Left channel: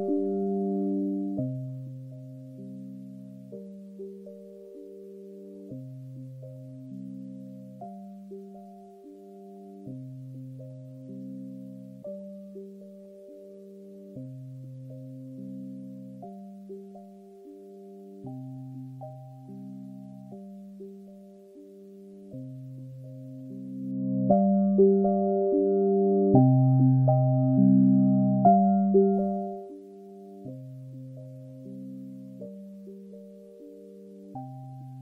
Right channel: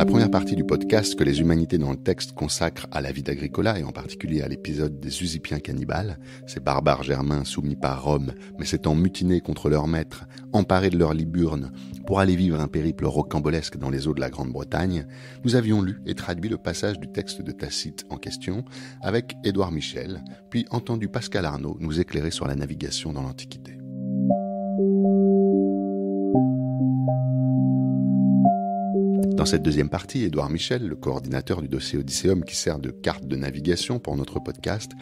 la première partie du podcast que les humanités dans le texte consacrent à la vie d'Agricola et en particulier à l'épisode des Usipiens cannibales, ces barbares germains soumis par Rome mais s'étant mutinés contre leur maître, emparés de leur liburne pour aller vivre un périple rocambolesque dans les eaux de la Grande-Bretagne, nous avions lu et traduit le passage du texte de Tacite en question avec Édouard Michel, puis entendu Pascal Arnaud nous éclairer sur la navigation dans l'Antiquité. Dans cette deuxième partie, Édouard Michel, le coordinateur du dossier Odysseum qui sert de carte de navigation pour notre podcast,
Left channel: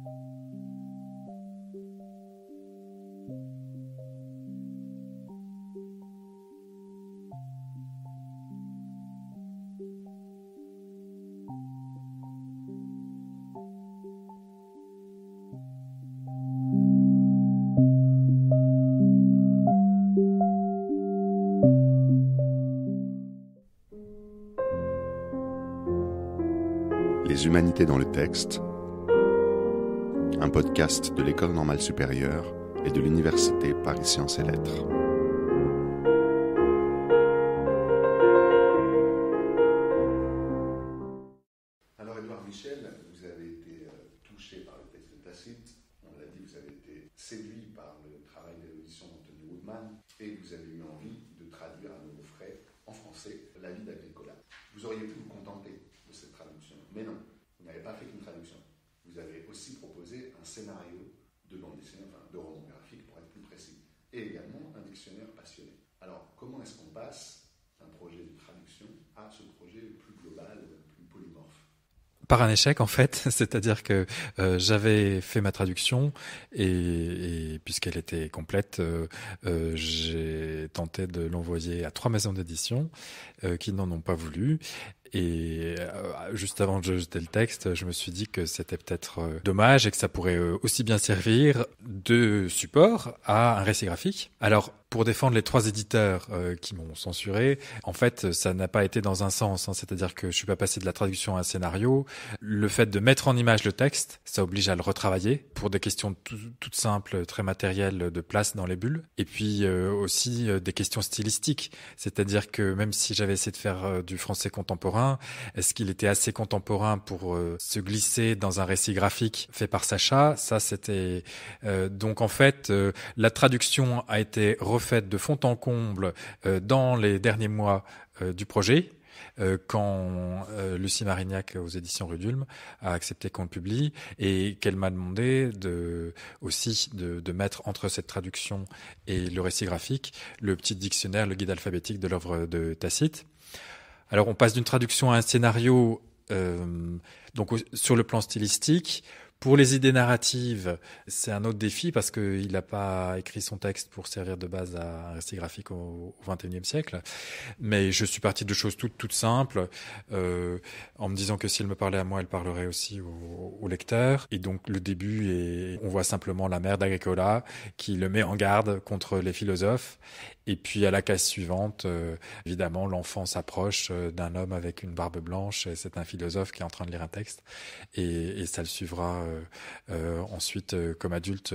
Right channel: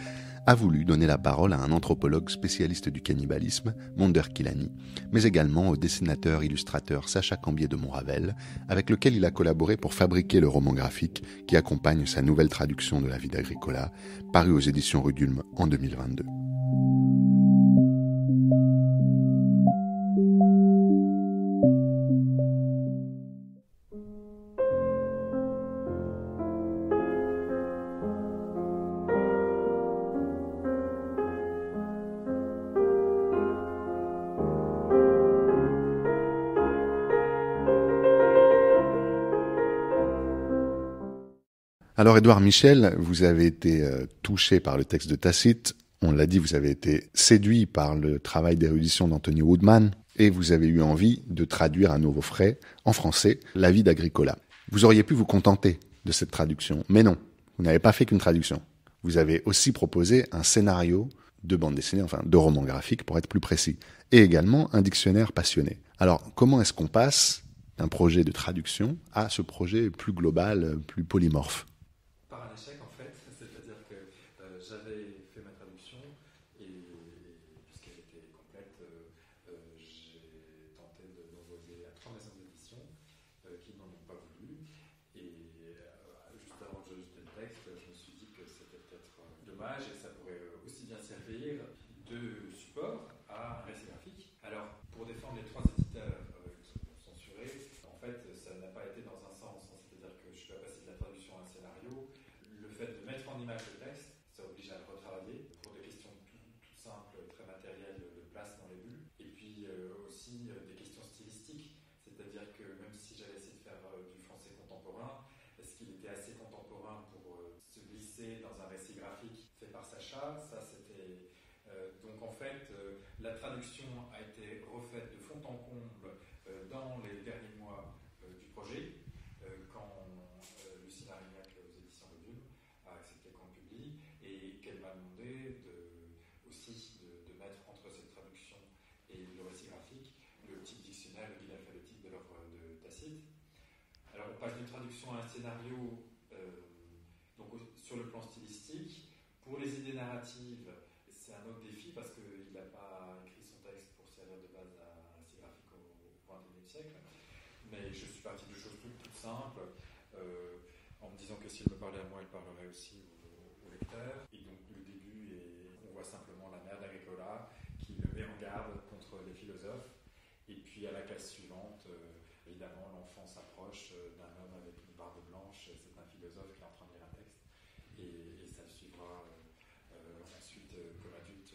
a voulu donner la parole à un anthropologue spécialiste du cannibalisme, Monderkilani, mais également au dessinateur illustrateur Sacha Cambier de Montravel, avec lequel il a collaboré pour fabriquer le roman graphique qui accompagne sa nouvelle traduction de la vie d'Agricola, paru aux éditions Rudulm en 2022. Les humanités dans le texte, un podcast de l'École normale supérieure et de l'Université Paris Sciences et Lettres. Alors Édouard Michel, vous avez été touché par le texte de Tacite, on l'a dit, vous avez été séduit par le travail d'érudition d'Anthony Woodman et vous avez eu envie de traduire à nouveau frais, en français, la vie d'Agricola. Vous auriez pu vous contenter de cette traduction, mais non, vous n'avez pas fait qu'une traduction. Vous avez aussi proposé un scénario de bande dessinée, enfin de roman graphique pour être plus précis, et également un dictionnaire passionné. Alors, comment est-ce qu'on passe d'un projet de traduction à ce projet plus global, plus polymorphe ? Par un échec, en fait, c'est-à-dire que j'avais fait ma traduction et puisqu'elle était complète, j'ai tenté de l'envoyer à 3 maisons d'édition qui n'en ont pas voulu. Et juste avant de jeter le texte, je me suis dit que c'était peut-être dommage et que ça pourrait aussi bien servir de support à un récit graphique. Alors, pour défendre les 3 éditeurs qui m'ont censuré, en fait, ça n'a pas été dans un sens. C'est-à-dire que je ne suis pas passé de la traduction à un scénario. Le fait de mettre en image le texte, ça oblige à le retravailler pour des questions toutes simples, très matérielles de place dans les bulles. Et puis aussi des questions stylistiques. C'est-à-dire que même si j'avais essayé de faire du français contemporain, est-ce qu'il était assez contemporain pour se glisser dans un récit graphique fait par Sacha ? Ça, c'était... donc, en fait, la traduction a été refaite de fond en comble dans les derniers mois du projet, quand Lucie Marignac aux éditions Rudulm a accepté qu'on le publie et qu'elle m'a demandé aussi de mettre entre cette traduction et le récit graphique le petit dictionnaire, le guide alphabétique de l'œuvre de Tacite. Alors, on passe d'une traduction à un scénario donc sur le plan stylistique. Pour les idées narratives, c'est un autre défi parce qu'il n'a pas écrit son texte pour servir de base à un récit graphique au XXIe siècle. Mais je suis parti de choses toutes simples, en me disant que s'il me parlait à moi, elle parlerait aussi au lecteur. Et donc le début, on voit simplement la mère d'Agricola qui le met en garde contre les philosophes. Et puis à la case suivante, évidemment, l'enfant s'approche d'un homme avec une barbe blanche. Et c'est un philosophe qui est en train de lire un texte. Et ça le suivra ensuite comme adulte.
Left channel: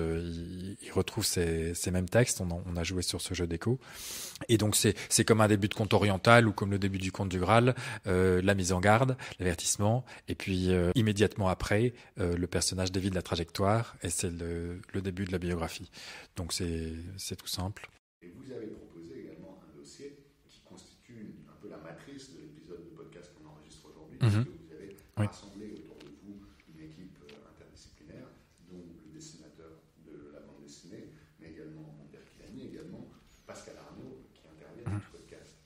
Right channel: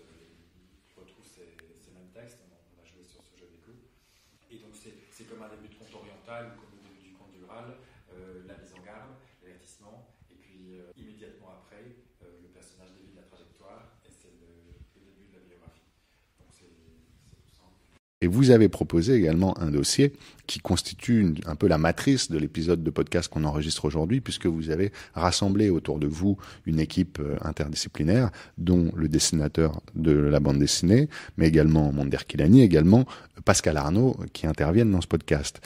Il retrouve ces mêmes textes. On a joué sur ce jeu d'écho. Et donc c'est comme un début de conte oriental ou comme le début du conte du Graal, la mise en garde, l'avertissement. Et puis immédiatement après, le personnage dévie la trajectoire. Et c'est le début de la biographie. Donc c'est tout simple. Et vous avez proposé également un dossier qui constitue un peu la matrice de l'épisode de podcast qu'on enregistre aujourd'hui, puisque vous avez rassemblé autour de vous une équipe interdisciplinaire, dont le dessinateur de la bande dessinée, mais également Monderkilani, également Pascal Arnaud, qui interviennent dans ce podcast.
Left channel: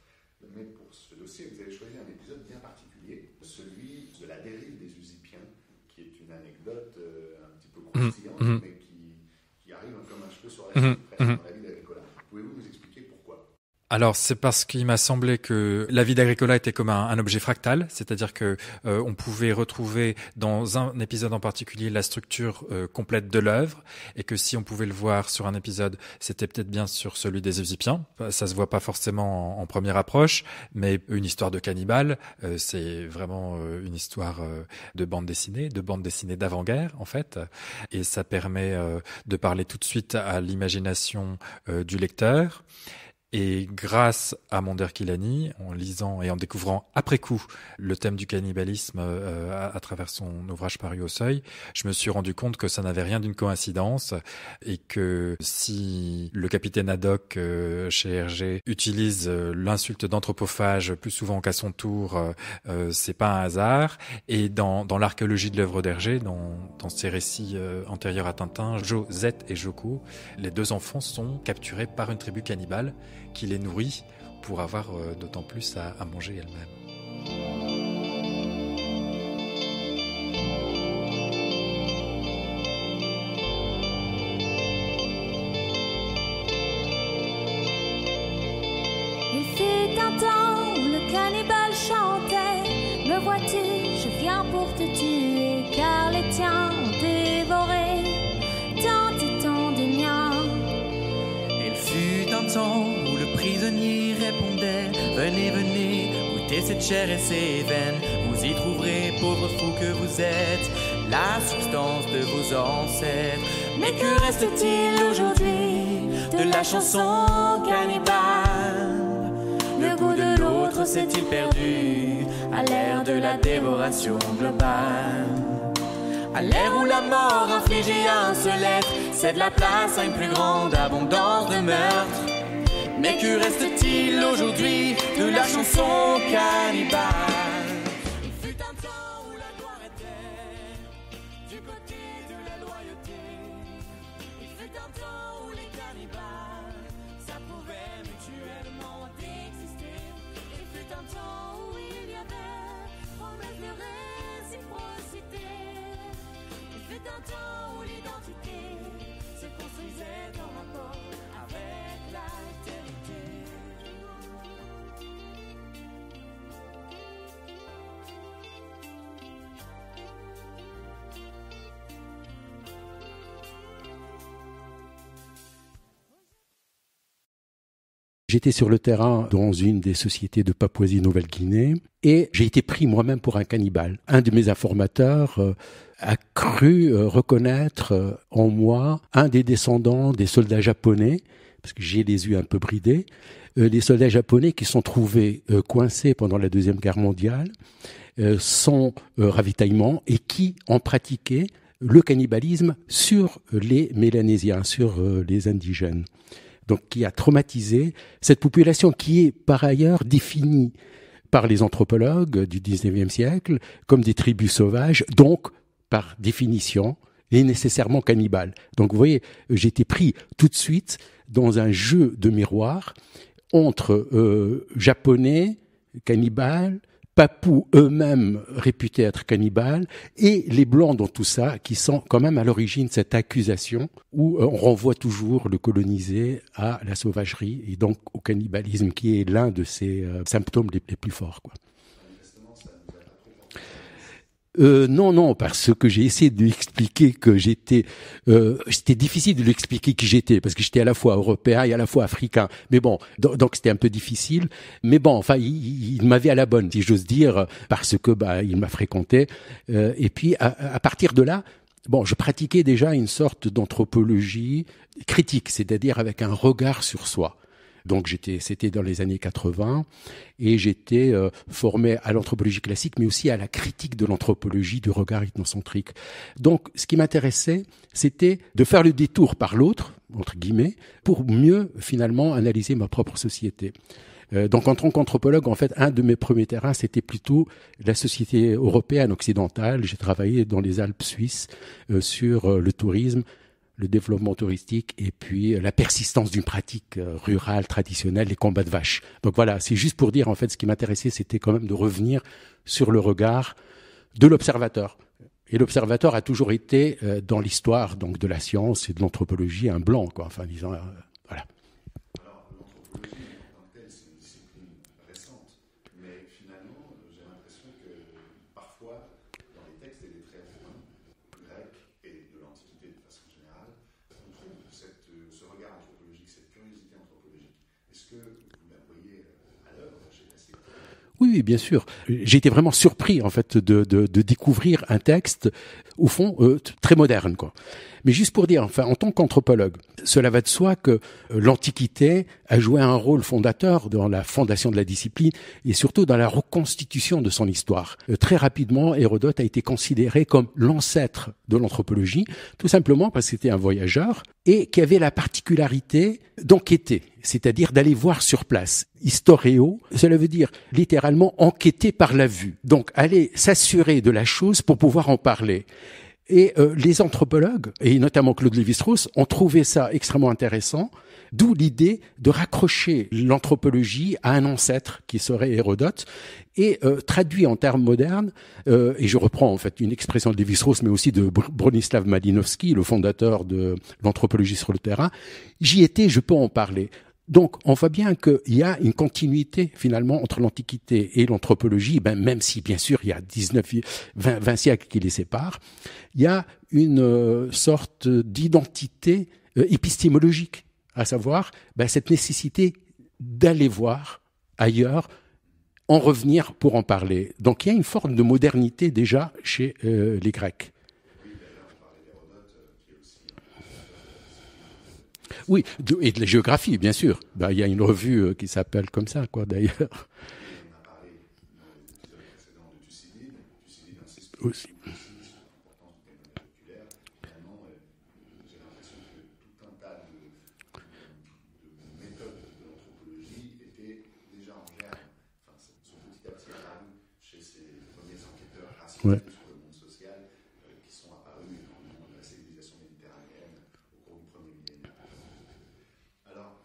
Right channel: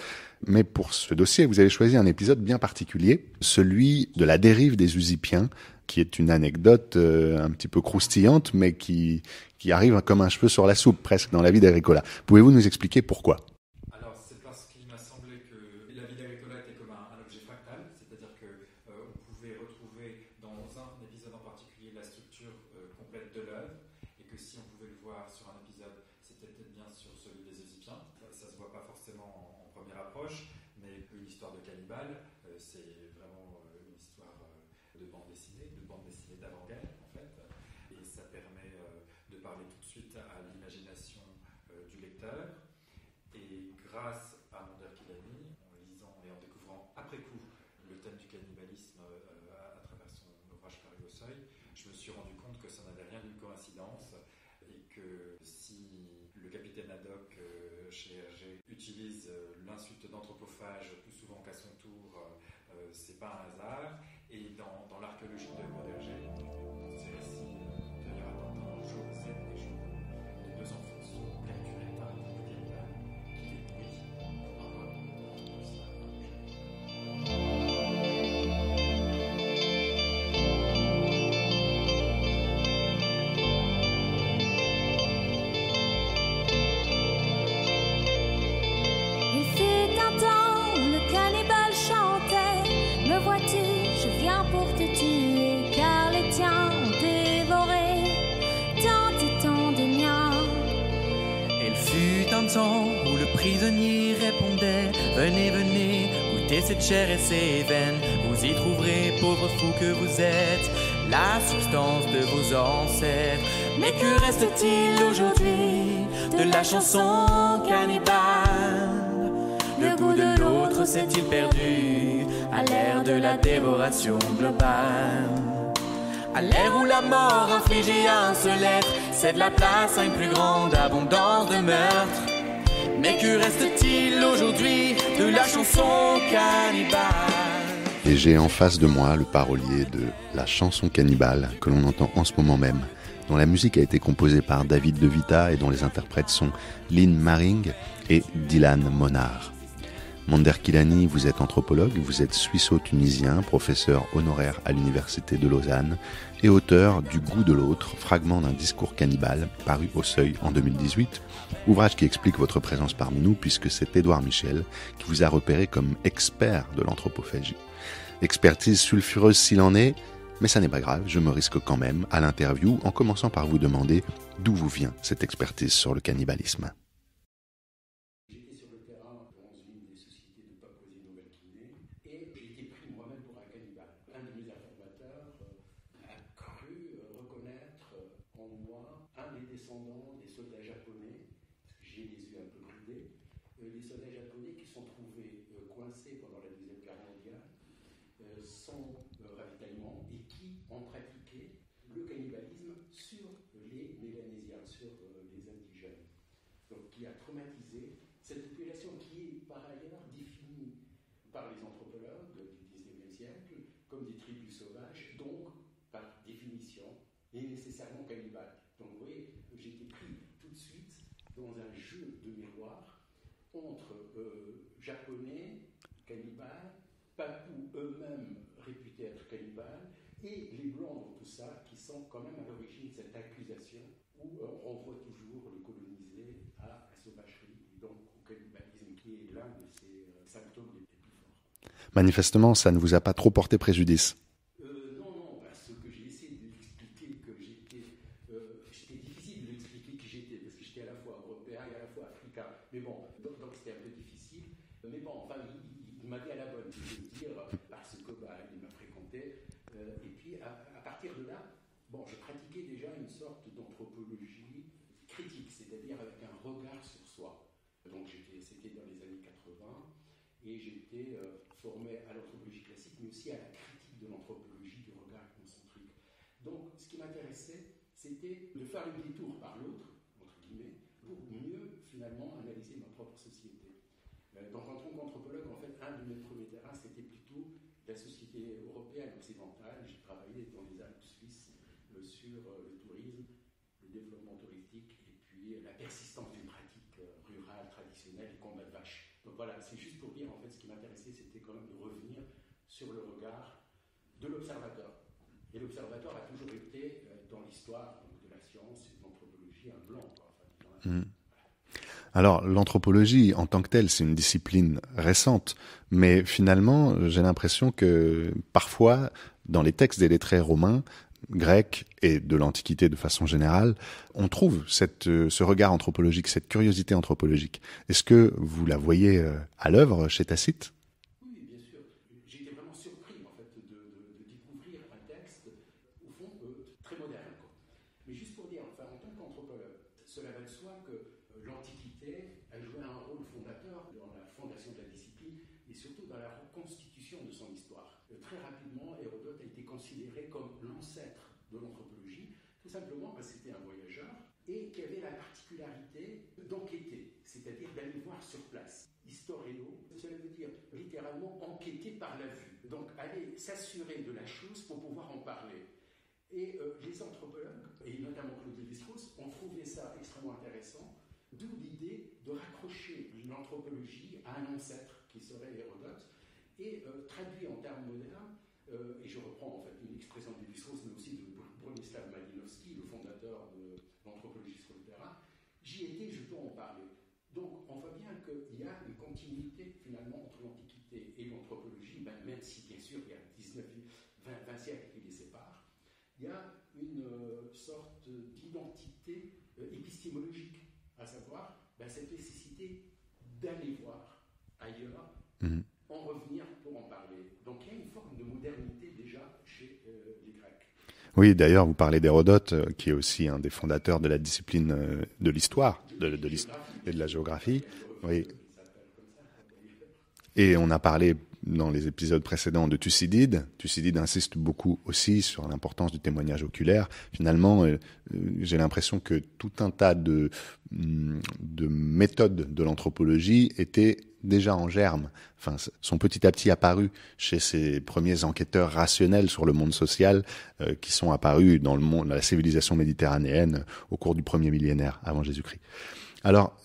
Mais pour ce dossier, vous avez choisi un épisode bien particulier, celui de la dérive des Usipiens, qui est une anecdote un petit peu croustillante, mais qui arrive comme un cheveu sur la soupe, presque, dans la vie d'Agricola. Pouvez-vous nous expliquer pourquoi ? Alors, c'est parce qu'il m'a semblé que la vie d'Agricola était comme un objet fractal, c'est-à-dire que on pouvait retrouver dans un épisode en particulier la structure complète de l'œuvre, et que si on pouvait le voir sur un épisode, c'était peut-être bien sur celui des Usipiens. Ça se voit pas forcément en première approche, mais une histoire de cannibale, c'est vraiment une histoire de bande dessinée d'avant-guerre en fait, et ça permet de parler tout de suite à l'imagination du lecteur. Et grâce à Monderkilani, en lisant et en découvrant après coup le thème du cannibalisme à travers son ouvrage paru au Seuil, je me suis rendu compte que ça n'avait rien d'une coïncidence et que si le capitaine Haddock chez Hergé utilise l'insulte d'anthropophage plus souvent qu'à son tour, c'est pas un hasard. Et dans l'archéologie de l'œuvre d'Hergé, dans ses récits antérieurs à Tintin, Jo, Zet et Joko, les deux enfants sont capturés par une tribu cannibale qui les nourrit pour avoir d'autant plus à manger elle-même. Il fut un temps où le cannibale chantait: me vois-tu, je viens pour te tuer, car les tiens ont dévoré tant et tant de miens. Il fut un temps où le prisonnier répondait: venez, venez, goûtez cette chair et ces veines. Vous y trouverez, pauvres fous que vous êtes, la substance de vos ancêtres. Mais que reste-t-il aujourd'hui de la chanson cannibale? Le goût de l'autre s'est-il perdu à l'ère de la dévoration globale? À l'ère où la mort infligée à un seul être cède la place à une plus grande abondance de meurtres. Mais que reste-t-il aujourd'hui de la chanson cannibale? Et j'ai en face de moi le parolier de la chanson cannibale que l'on entend en ce moment même, dont la musique a été composée par David De Vita et dont les interprètes sont Lynn Maring et Dylan Monard. Monderkilani, vous êtes anthropologue, vous êtes suisse-tunisien, professeur honoraire à l'Université de Lausanne et auteur du Goût de l'autre, fragment d'un discours cannibale, paru au Seuil en 2018, ouvrage qui explique votre présence parmi nous puisque c'est Édouard Michel qui vous a repéré comme expert de l'anthropophagie. Expertise sulfureuse s'il en est, mais ça n'est pas grave, je me risque quand même à l'interview en commençant par vous demander d'où vous vient cette expertise sur le cannibalisme. J'étais sur le terrain dans une des sociétés de Papouasie-Nouvelle-Guinée et j'ai été pris moi-même pour un cannibale. Un de mes informateurs a cru reconnaître en moi un des descendants des soldats japonais, parce que j'ai les yeux un peu bridés, les soldats japonais qui sont trouvés coincés pendant la Deuxième Guerre mondiale, sans ravitaillement et qui ont pratiqué le cannibalisme sur les Mélanésiens, sur les indigènes. Donc qui a traumatisé cette population qui est par ailleurs définie par les anthropologues du XIXe siècle comme des tribus sauvages, donc par définition est nécessairement cannibales. Donc vous voyez, j'ai été pris tout de suite dans un jeu de miroir entre japonais, cannibales, Papous eux-mêmes réputés être cannibales, et les Blancs dans tout ça, qui sont quand même à l'origine de cette accusation où on renvoie toujours le colonisé à la sauvagerie et donc au cannibalisme, qui est l'un de ces symptômes les plus forts, quoi. Manifestement, ça ne vous a pas trop porté préjudice. Non, parce que j'ai essayé de lui expliquer que j'étais... c'était difficile de lui expliquer qui j'étais, parce que j'étais à la fois européen et à la fois africain. Mais bon, donc c'était un peu difficile. Mais bon, enfin, il m'avait à la bonne, si j'ose dire, parce que il m'a fréquenté. Et puis, à partir de là, bon, je pratiquais déjà une sorte d'anthropologie critique, c'est-à-dire avec un regard sur soi. Donc c'était dans les années 80 et j'étais formé à l'anthropologie classique mais aussi à la critique de l'anthropologie du regard ethnocentrique. Donc ce qui m'intéressait, c'était de faire le détour par l'autre, entre guillemets, pour mieux finalement analyser ma propre société. Donc en tant qu'anthropologue, en fait, un de mes premiers terrains, c'était plutôt la société européenne occidentale. J'ai travaillé dans les Alpes suisses sur le tourisme, le développement touristique et puis la persistance d'une pratique rurale traditionnelle, les combats de vaches. Donc voilà, c'est juste pour dire, en fait, ce qui m'intéressait, c'était quand même de revenir sur le regard de l'observateur. Et l'observateur a toujours été, dans l'histoire donc, de la science et de l'anthropologie, un blanc, quoi. Enfin, disons, voilà. Alors, l'anthropologie, en tant que telle, c'est une discipline récente, mais finalement, j'ai l'impression que parfois, dans les textes des lettrés romains, grecs et de l'Antiquité de façon générale, on trouve ce regard anthropologique, cette curiosité anthropologique. Est-ce que vous la voyez à l'œuvre chez Tacite ? Oui, bien sûr. J'ai été vraiment surpris en fait de découvrir un texte, au fond, très moderne, quoi. Mais juste pour dire, enfin, en tant qu'anthropologue, cela va de soi que l'Antiquité a joué un rôle fondateur dans la fondation de la discipline et surtout dans la reconstitution de son histoire. Très rapidement, Hérodote a été considéré comme l'ancêtre de l'anthropologie, tout simplement parce que c'était un voyageur et qui avait la particularité d'enquêter, c'est-à-dire d'aller voir sur place. Historio, cela veut dire littéralement enquêter par la vue. Donc aller s'assurer de la chose pour pouvoir en parler. Et les anthropologues, et notamment Claude Lévi-Strauss, ont trouvé ça extrêmement intéressant, d'où l'idée de raccrocher l'anthropologie à un ancêtre qui serait Hérodote, et traduit en termes modernes, et je reprends en fait une expression de Lévi-Strauss, mais aussi de Bronislaw Malinowski, le fondateur de l'anthropologie sur le terrain, j'y étais, je peux en parler. Donc, on voit bien qu'il y a une continuité, finalement, entre l'Antiquité et l'anthropologie, même si, bien sûr, il y a 20 siècles qui les séparent. Il y a une sorte d'identité épistémologique, à savoir cette nécessité d'aller voir ailleurs, en revenir pour en parler. Donc, il y a une forme de modernité déjà chez les Grecs. Oui, d'ailleurs, vous parlez d'Hérodote, qui est aussi un des fondateurs de la discipline de l'histoire. Oui, et de la géographie, bien sûr. Il y a une revue qui s'appelle comme ça, d'ailleurs. Et on a parlé dans les épisodes précédents de Thucydide. Thucydide insiste beaucoup aussi sur l'importance du témoignage oculaire. Finalement, j'ai l'impression que tout un tas de méthodes de l'anthropologie étaient déjà en germe. Enfin, sont petit à petit apparus chez ces premiers enquêteurs rationnels sur le monde social qui sont apparus dans la civilisation méditerranéenne au cours du premier millénaire avant Jésus-Christ. Alors,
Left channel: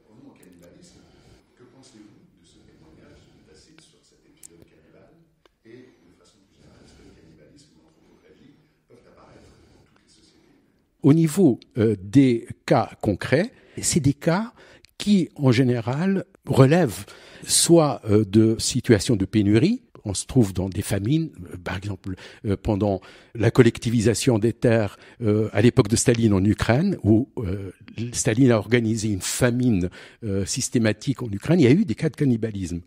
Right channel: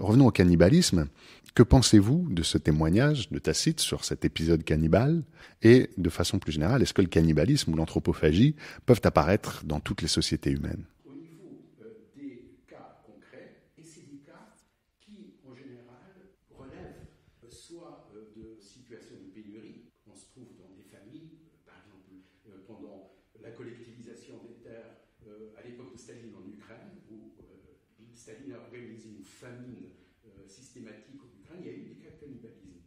revenons au cannibalisme. Que pensez-vous de ce témoignage de Tacite sur cet épisode cannibale? Et de façon plus générale, est-ce que le cannibalisme ou l'anthropophagie peuvent apparaître dans toutes les sociétés humaines? Au niveau des cas concrets, c'est des cas qui, en général, relèvent soit de situations de pénurie. On se trouve dans des famines, par exemple pendant la collectivisation des terres à l'époque de Staline en Ukraine, où Staline a organisé une famine systématique en Ukraine. Il y a eu des cas de cannibalisme.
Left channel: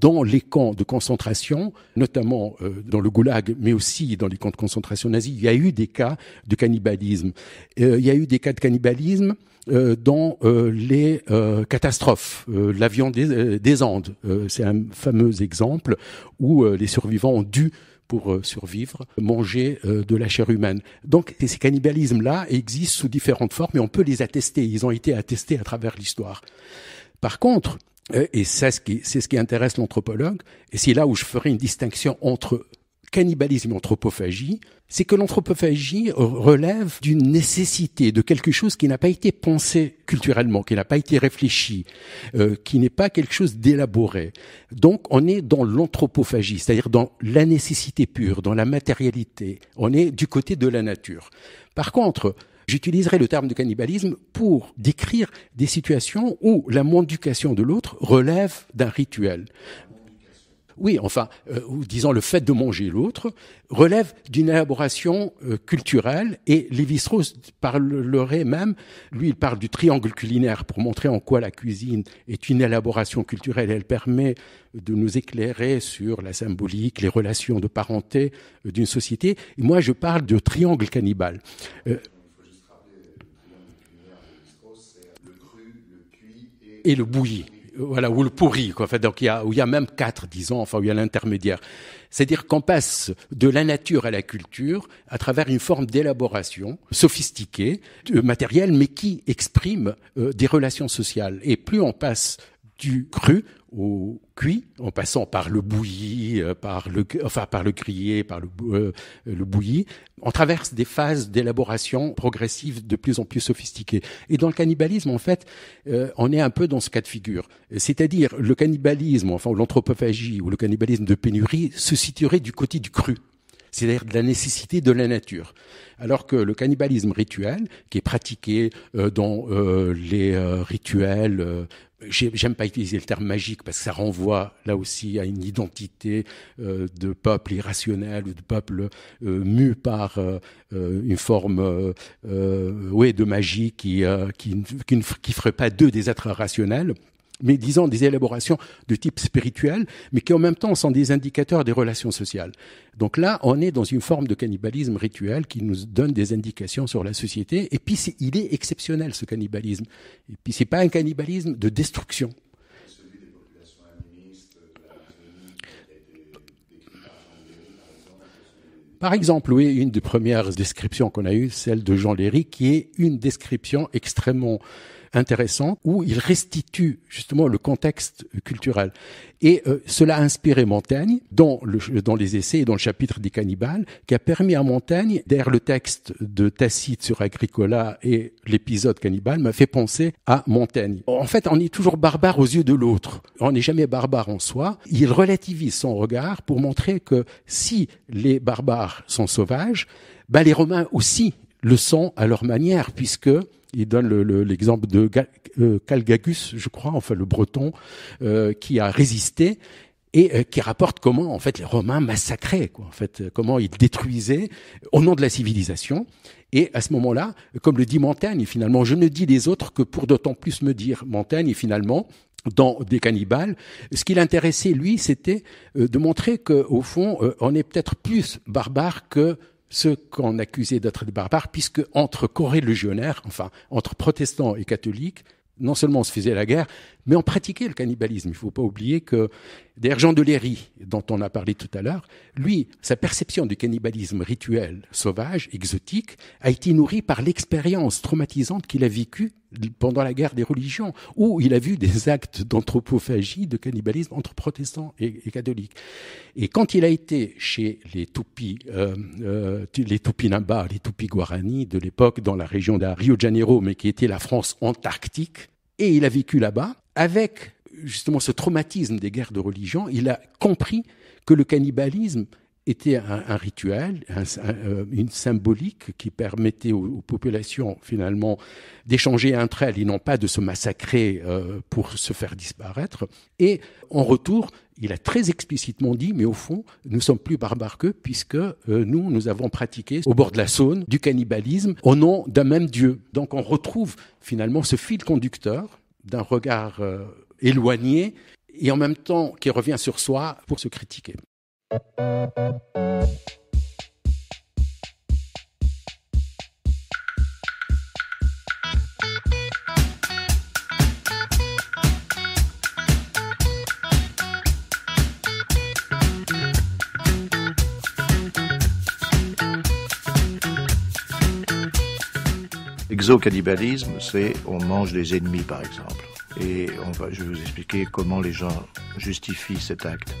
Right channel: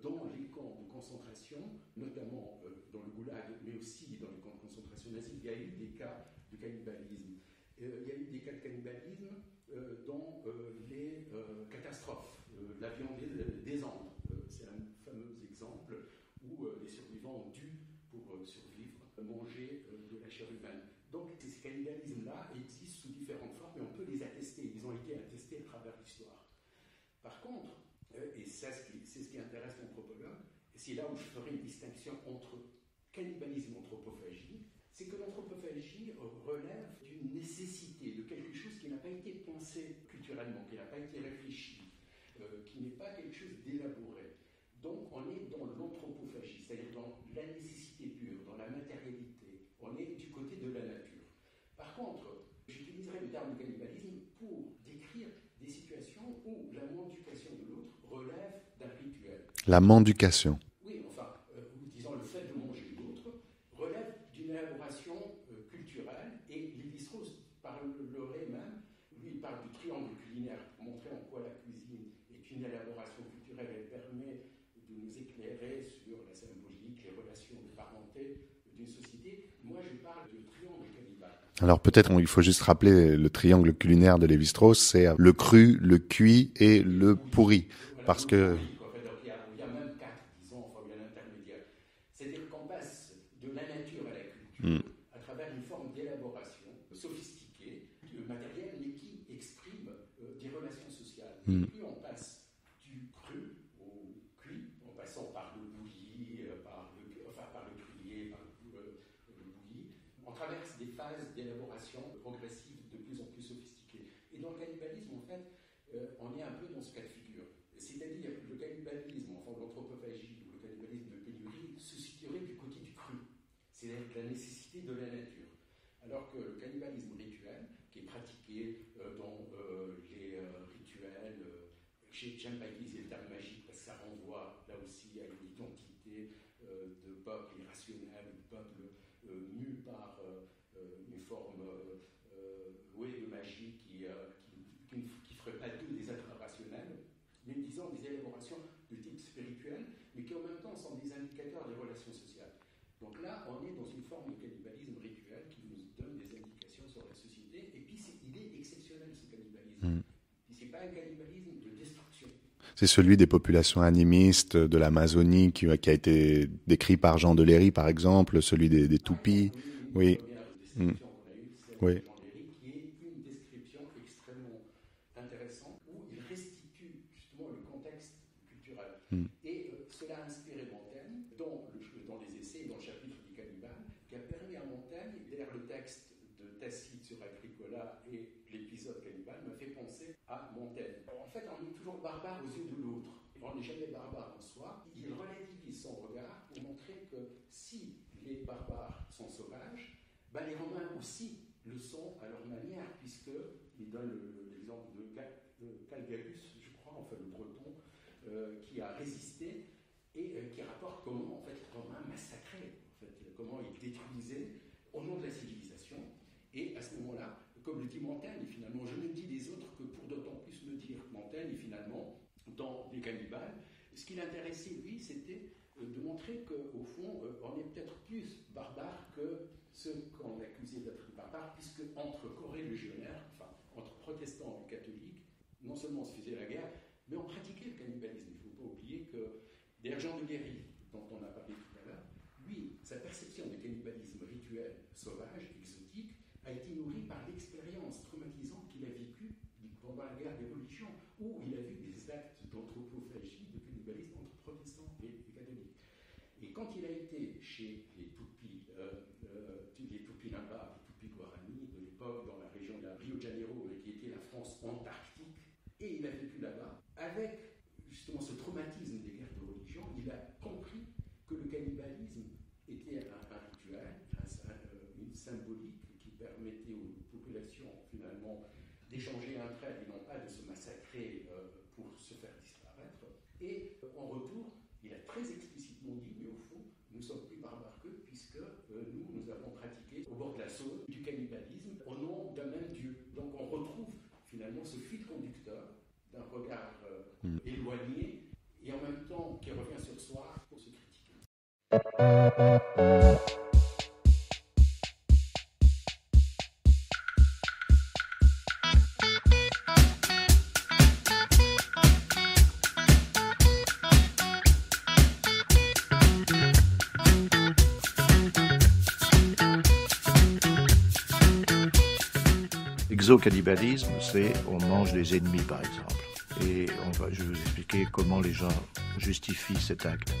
Dans les camps de concentration, notamment dans le goulag, mais aussi dans les camps de concentration nazis, il y a eu des cas de cannibalisme. Il y a eu des cas de cannibalisme dans les catastrophes, l'avion des Andes. C'est un fameux exemple où les survivants ont dû, pour survivre, manger de la chair humaine. Donc ces cannibalismes-là existent sous différentes formes et on peut les attester. Ils ont été attestés à travers l'histoire. Par contre, et c'est ce qui intéresse l'anthropologue, et c'est là où je ferai une distinction entre cannibalisme et anthropophagie, c'est que l'anthropophagie relève d'une nécessité, de quelque chose qui n'a pas été pensé culturellement, qui n'a pas été réfléchi, qui n'est pas quelque chose d'élaboré. Donc on est dans l'anthropophagie, c'est-à-dire dans la nécessité pure, dans la matérialité. On est du côté de la nature. Par contre, j'utiliserai le terme de cannibalisme pour décrire des situations où la mendication de l'autre relève d'un rituel. La mendication. Oui, enfin, disons le fait de manger l'autre relève d'une élaboration culturelle, et Lévi-Strauss parlerait même, lui il parle du triangle culinaire pour montrer en quoi la cuisine est une élaboration culturelle. Elle permet de nous éclairer sur la symbolique, les relations de parenté d'une société. Et moi, je parle de triangle cannibale. Alors peut-être il faut juste rappeler le triangle culinaire de Lévi-Strauss, c'est le cru, le cuit et le pourri. Voilà, ou le pourri, quoi. Enfin, donc où il y a même 4, disons, enfin où il y a l'intermédiaire. C'est-à-dire qu'on passe de la nature à la culture à travers une forme d'élaboration sophistiquée, matérielle, mais qui exprime des relations sociales. Et plus on passe du cru au cuit, en passant par le bouilli, par le grillé, par le bouilli, on traverse des phases d'élaboration progressive de plus en plus sophistiquées. Et dans le cannibalisme, en fait, on est un peu dans ce cas de figure. C'est-à-dire le cannibalisme, enfin l'anthropophagie ou le cannibalisme de pénurie se situerait du côté du cru, c'est-à-dire de la nécessité de la nature. Alors que le cannibalisme rituel, qui est pratiqué dans les rituels, j'aime pas utiliser le terme magique parce que ça renvoie là aussi à une identité de peuple irrationnel ou de peuple mu par une forme de magie qui ferait pas d'eux des êtres rationnels. mais disons des élaborations de type spirituel, mais qui en même temps sont des indicateurs des relations sociales. Donc là, on est dans une forme de cannibalisme rituel qui nous donne des indications sur la société. Et puis, il est exceptionnel, ce cannibalisme. Et puis, ce n'est pas un cannibalisme de destruction. C'est celui des populations animistes de l'Amazonie qui a été décrit par Jean Deléry, par exemple, celui des Par Tupis. exemple, oui, une des premières descriptions qu'on a eues, celle de Jean Deléry, qui est une description extrêmement intéressante où il restitue justement le contexte culturel. Et cela a inspiré Montaigne dans les essais et dans le chapitre des cannibales, qui a permis à Montaigne, derrière le texte de Tacite sur Agricola et l'épisode cannibale, m'a fait penser à Montaigne. En fait, on est toujours barbare aux yeux de l'autre. On n'est jamais barbare en soi. Il relativise son regard pour montrer que si les barbares sont sauvages, ben les Romains aussi le sont à leur manière, puisque il donne l'exemple de Calgagus, je crois, enfin le Breton, qui a résisté et qui rapporte comment en fait les Romains massacraient, quoi, en fait, comment ils détruisaient au nom de la civilisation. Et à ce moment-là, comme le dit Montaigne, finalement, je ne dis les autres que pour d'autant plus me dire. Montaigne, et finalement, dans Des cannibales, ce qui l'intéressait, lui, c'était de montrer qu'au fond, on est peut-être plus barbare que ceux qu'on accusait d'être des barbares, puisque entre corélégionnaires, enfin entre protestants et catholiques, non seulement on se faisait la guerre, mais on pratiquait le cannibalisme. Il ne faut pas oublier que, d'ailleurs, Jean Deléry, dont on a parlé tout à l'heure, lui, sa perception du cannibalisme rituel, sauvage, exotique, a été nourrie par l'expérience traumatisante qu'il a vécue pendant la guerre des religions, où il a vu des actes d'anthropophagie, de cannibalisme entre protestants et catholiques. Et quand il a été chez les Tupis, les Tupinambas, les Tupis-Guarani de l'époque, dans la région de Rio de Janeiro, mais qui était la France antarctique, et il a vécu là-bas, avec justement ce traumatisme des guerres de religion, il a compris que le cannibalisme était un rituel, une symbolique qui permettait aux populations finalement d'échanger entre elles et non pas de se massacrer pour se faire disparaître. Et en retour, il a très explicitement dit, mais au fond, nous sommes plus barbares qu'eux puisque nous avons pratiqué au bord de la Saône du cannibalisme au nom d'un même Dieu. Donc on retrouve finalement ce fil conducteur d'un regard éloigné et en même temps qui revient sur soi pour se critiquer. L'exocannibalisme, c'est on mange des ennemis, par exemple. Et je vais vous expliquer comment les gens justifient cet acte.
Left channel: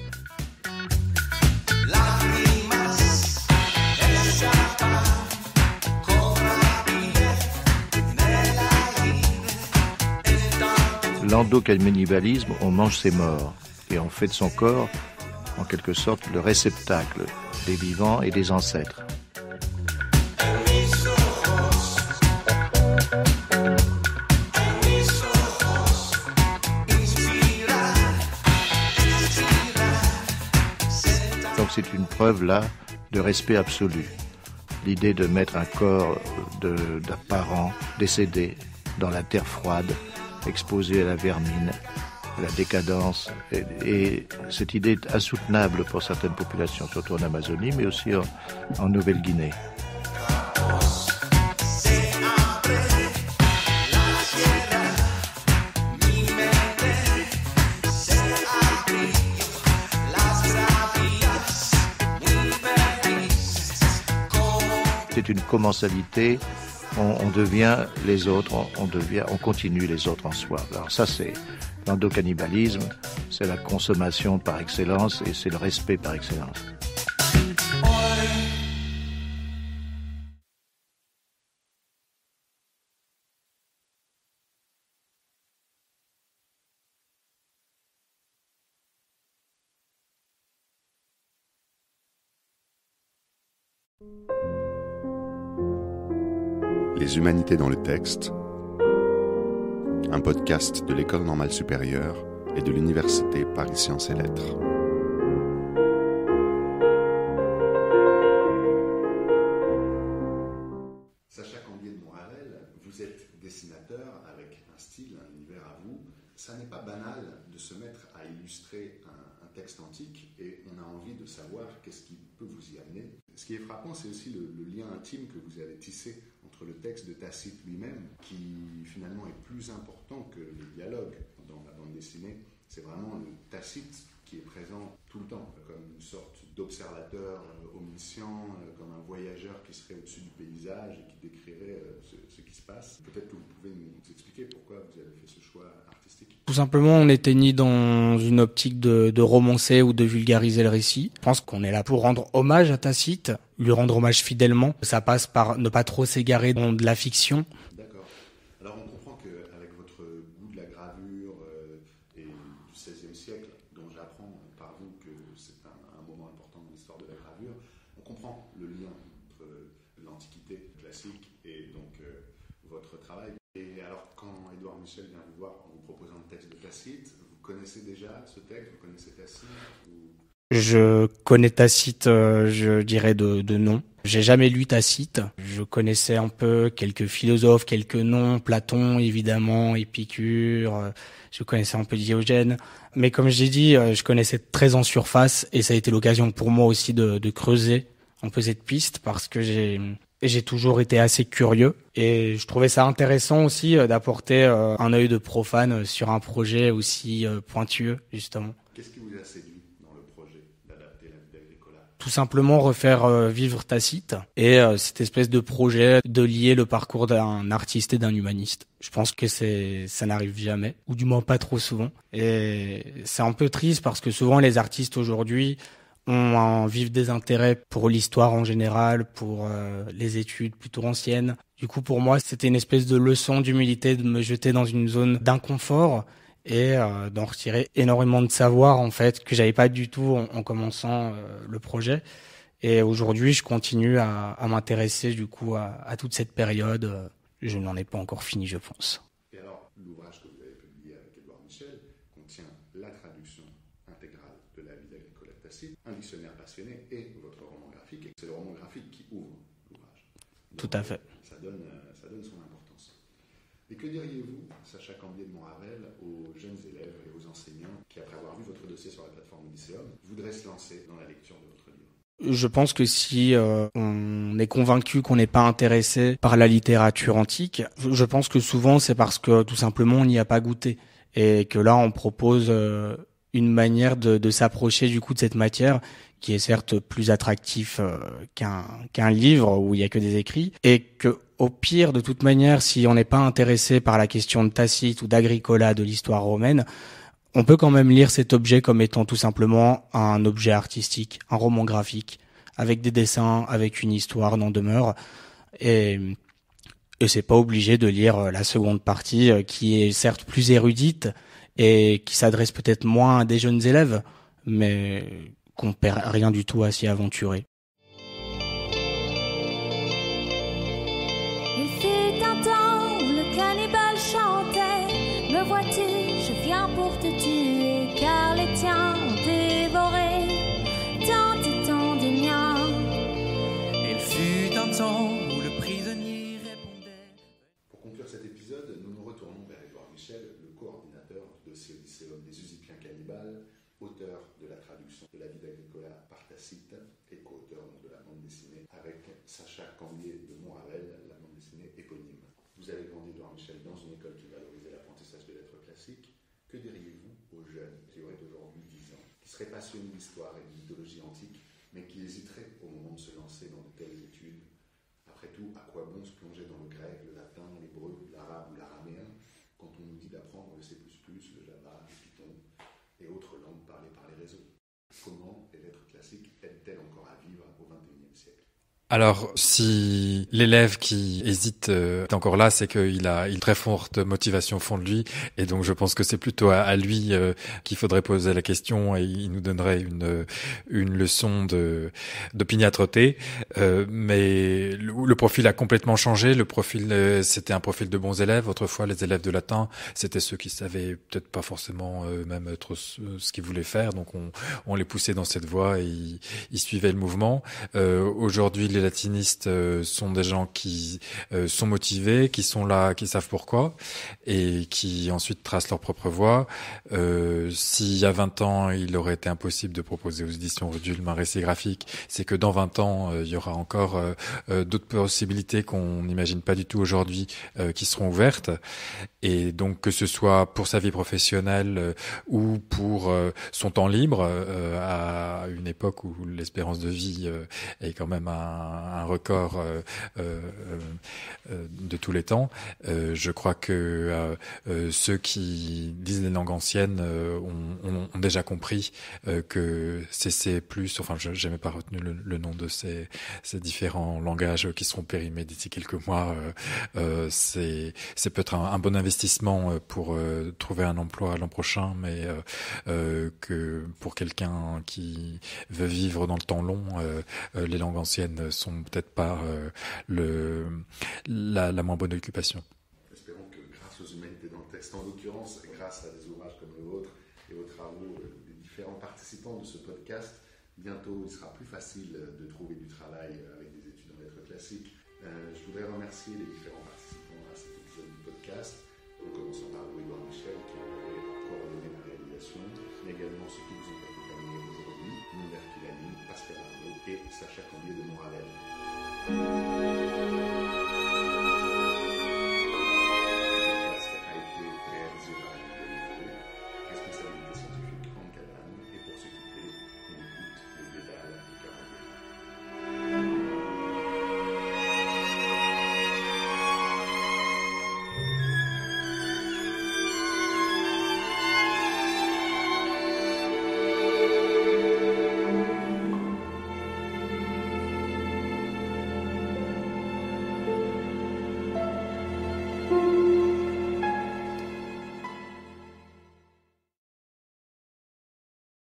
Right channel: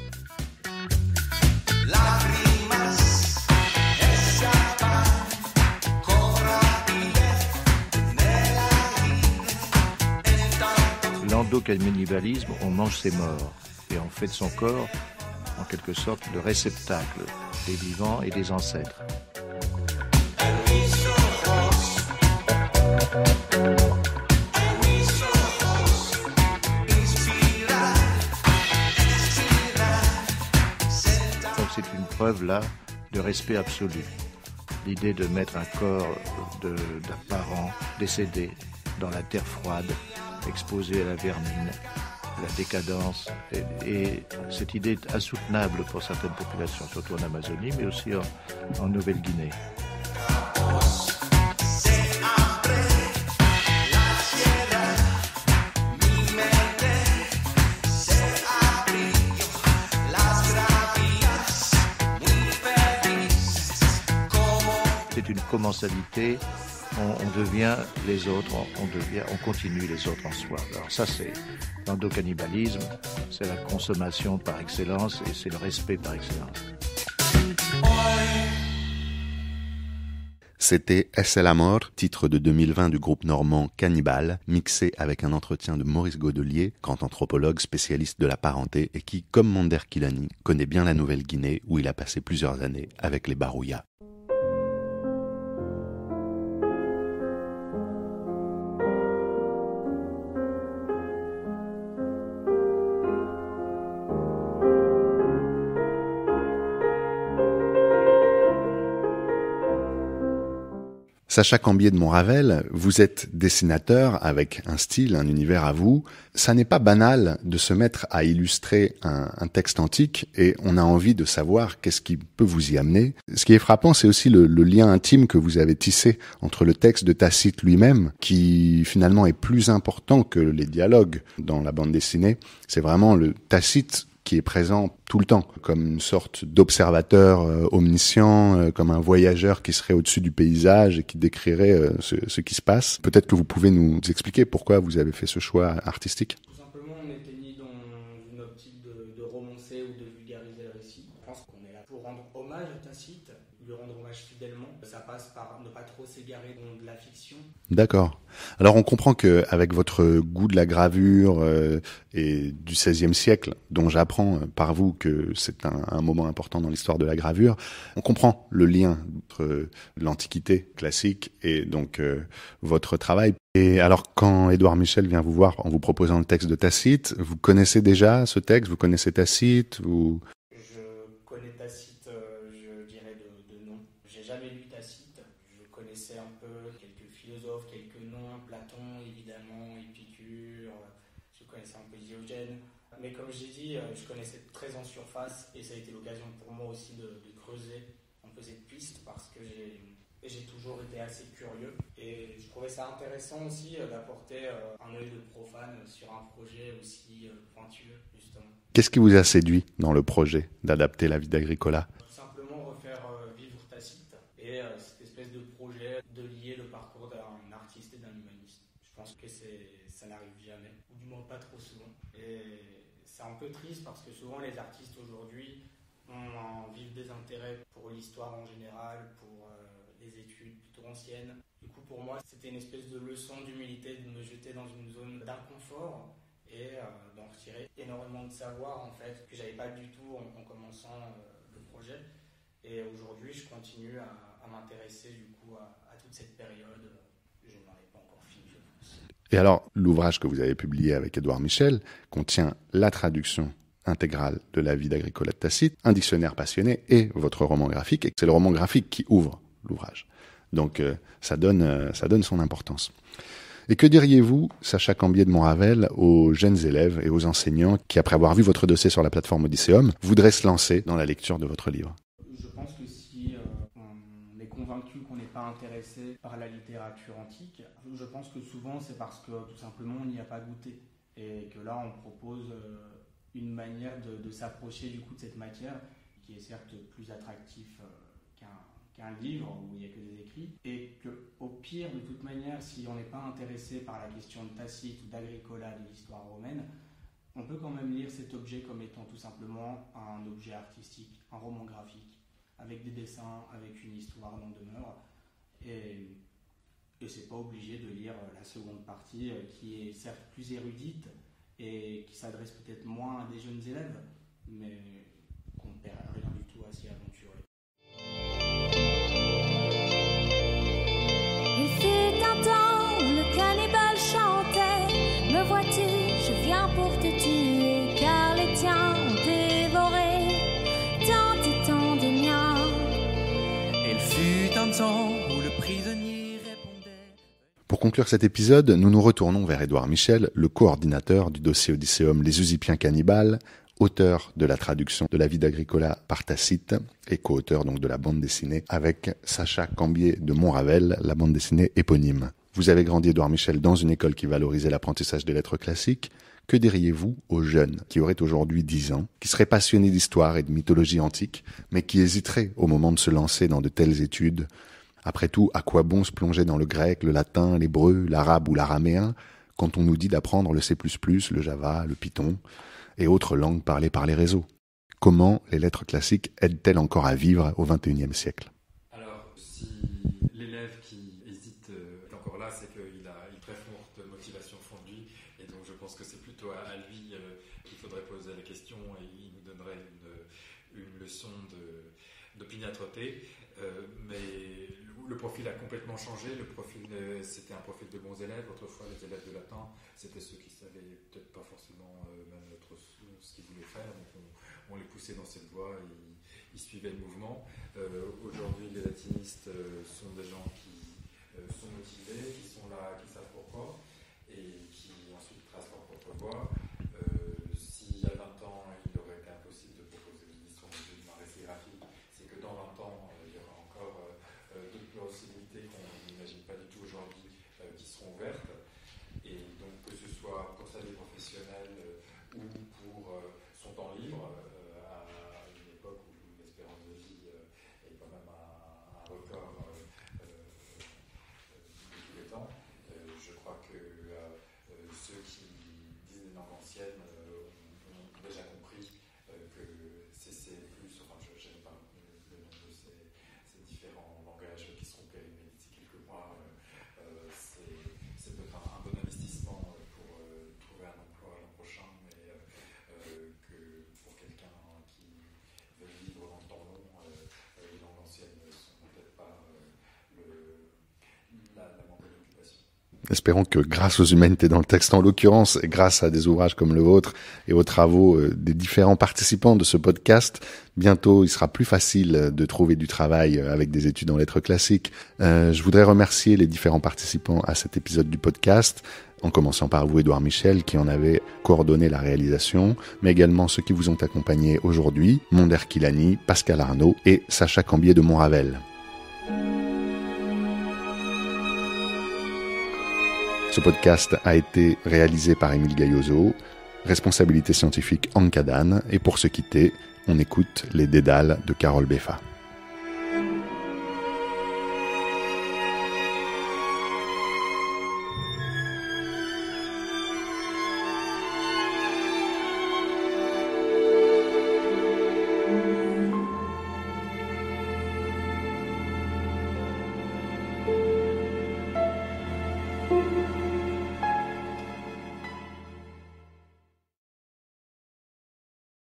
L'endocannibalisme, on mange ses morts et on fait de son corps, en quelque sorte, le réceptacle des vivants et des ancêtres. Donc c'est une preuve là de respect absolu. L'idée de mettre un corps d'un parent décédé dans la terre froide, exposé à la vermine, à la décadence, et cette idée est insoutenable pour certaines populations, surtout en Amazonie, mais aussi en Nouvelle-Guinée. C'est une commensalité, on devient les autres, on continue les autres en soi. Alors ça, c'est l'endocannibalisme, c'est la consommation par excellence et c'est le respect par excellence. C'était Es el amor, titre de 2020 du groupe normand Cannibal, mixé avec un entretien de Maurice Godelier, grand anthropologue spécialiste de la parenté et qui, comme Monder Kilani, connaît bien la Nouvelle-Guinée où il a passé plusieurs années avec les Barouya. Les humanités dans le texte, un podcast de l'École normale supérieure et de l'Université Paris Sciences et Lettres. Sacha Cambier de Montravel, vous êtes dessinateur avec un style, un univers à vous. Ça n'est pas banal de se mettre à illustrer un texte antique et on a envie de savoir qu'est-ce qui peut vous y amener. Ce qui est frappant, c'est aussi le lien intime que vous avez tissé entre le texte de Tacite lui-même, qui finalement est plus important que les dialogues dans la bande dessinée. C'est vraiment le Tacite qui est présent tout le temps, comme une sorte d'observateur omniscient, comme un voyageur qui serait au-dessus du paysage et qui décrirait ce qui se passe. Peut-être que vous pouvez nous expliquer pourquoi vous avez fait ce choix artistique. Tout simplement, on n'était ni dans une optique de romancer ou de vulgariser le récit. Je pense qu'on est là pour rendre hommage à Tacite, lui rendre hommage fidèlement. Ça passe par ne pas trop s'égarer dans de la fiction. D'accord. Alors on comprend qu'avec votre goût de la gravure et du XVIe siècle, dont j'apprends par vous que c'est un moment important dans l'histoire de la gravure, on comprend le lien entre l'Antiquité classique et donc votre travail. Et alors quand Édouard Michel vient vous voir en vous proposant le texte de Tacite, vous connaissez déjà ce texte, vous connaissez Tacite ou... Je connais Tacite, je dirais de nom. J'ai jamais lu Tacite. Je connaissais un peu quelques philosophes, quelques noms, Platon évidemment, Épicure, je connaissais un peu Diogène. Mais comme j'ai dit, je connaissais très en surface et ça a été l'occasion pour moi aussi de creuser un peu cette piste parce que j'ai toujours été assez curieux et je trouvais ça intéressant aussi d'apporter un œil de profane sur un projet aussi pointueux justement. Qu'est-ce qui vous a séduit dans le projet d'adapter la vie d'Agricola ? Tout simplement refaire vivre Tacite et cette espèce de projet de lier le parcours d'un artiste et d'un humaniste. Je pense que ça n'arrive jamais, ou du moins pas trop souvent. Et c'est un peu triste parce que souvent les artistes aujourd'hui ont un vif désintérêt pour l'histoire en général, pour les études plutôt anciennes. Du coup, pour moi, c'était une espèce de leçon d'humilité de me jeter dans une zone d'inconfort et d'en retirer énormément de savoir en fait que j'avais pas du tout en commençant le projet. Et aujourd'hui, je continue à m'intéresser du coup à toute cette période. Je n'en ai pas encore fini, je pense. Et alors, l'ouvrage que vous avez publié avec Édouard Michel contient la traduction intégrale de la vie d'Agricola de Tacite, un dictionnaire passionné et votre roman graphique. Et c'est le roman graphique qui ouvre l'ouvrage. Donc ça donne son importance. Et que diriez-vous, Sacha Cambier de Montravel, aux jeunes élèves et aux enseignants qui, après avoir vu votre dossier sur la plateforme Odysseum, voudraient se lancer dans la lecture de votre livre ? Je pense que si on est convaincu qu'on n'est pas intéressé par la littérature antique, je pense que souvent c'est parce que tout simplement on n'y a pas goûté. Et que là on propose une manière de s'approcher du coup de cette matière qui est certes plus attractif qu'un livre où il n'y a que des écrits, et que au pire, de toute manière, si on n'est pas intéressé par la question de Tacite ou d'Agricola, de l'histoire romaine, on peut quand même lire cet objet comme étant tout simplement un objet artistique, un roman graphique, avec des dessins, avec une histoire, n'en demeure. Et c'est pas obligé de lire la seconde partie, qui est certes plus érudite et qui s'adresse peut-être moins à des jeunes élèves, mais qu'on perd rien du tout à s'y aventurer. Il fut un temps où le cannibale chantait. Me vois-tu, je viens pour te tuer, car les tiens ont dévoré tant et tant de miens. Il fut un temps où le prisonnier répondait. Pour conclure cet épisode, nous nous retournons vers Édouard Michel, le coordinateur du dossier Odysseum Les Usipiens cannibales, auteur de la traduction de la vie d'Agricola par Tacite et co-auteur donc de la bande dessinée avec Sacha Cambier de Montravel, la bande dessinée éponyme. Vous avez grandi, Édouard Michel, dans une école qui valorisait l'apprentissage des lettres classiques. Que diriez-vous aux jeunes qui auraient aujourd'hui 10 ans, qui seraient passionnés d'histoire et de mythologie antique, mais qui hésiteraient au moment de se lancer dans de telles études ? Après tout, à quoi bon se plonger dans le grec, le latin, l'hébreu, l'arabe ou l'araméen, quand on nous dit d'apprendre le C++, le Java, le Python et autres langues parlées par les réseaux ? Comment les lettres classiques aident-elles encore à vivre au XXIe siècle ? Alors, si l'élève qui hésite est encore là, c'est qu'il a une très forte motivation au fond de lui. Et donc, je pense que c'est plutôt à lui qu'il faudrait poser la question et il nous donnerait une leçon d'opiniâtreté. Mais le profil a complètement changé. Le profil, c'était un profil de bons élèves. Autrefois, les élèves de latin, c'était ceux qui savaient peut-être pas forcément même trop ce qu'ils voulaient faire. Donc, on les poussait dans cette voie et ils suivaient le mouvement. Aujourd'hui, les gélatinistes sont des gens qui sont motivés, qui sont là, qui savent pourquoi, et qui ensuite tracent leur propre voie. S'il y a 20 ans, il aurait été impossible de proposer aux éditions Rudulm un récit graphique, c'est que dans 20 ans, il y aura encore d'autres possibilités qu'on n'imagine pas du tout aujourd'hui qui seront ouvertes. Et donc, que ce soit pour sa vie professionnelle ou pour son temps libre, à une époque où l'espérance de vie est quand même un record de tous les temps, je crois que ceux qui disent les langues anciennes ont déjà compris que CC+, enfin, j'ai même pas retenu le nom de ces différents langages qui seront périmés d'ici quelques mois, c'est peut-être un bon investissement pour trouver un emploi l'an prochain, mais que pour quelqu'un qui veut vivre dans le temps long, les langues anciennes sont peut-être pas la moins bonne occupation. Espérons que grâce aux humanités dans le texte en l'occurrence, et grâce à des ouvrages comme le vôtre et aux travaux des différents participants de ce podcast, bientôt il sera plus facile de trouver du travail avec des études en lettres classiques. Je voudrais remercier les différents participants à cet épisode du podcast, en commençant par vous, Édouard Michel, qui en avait coordonné la réalisation, mais également ceux qui vous ont accompagnés aujourd'hui, Monder Kilani, Pascal Arnaud et Sacha Cambier de Montravel. Ce podcast a été réalisé par Émile Gaillozo, responsabilité scientifique Anne, et pour se quitter, on écoute les Dédales de Carole Beffa.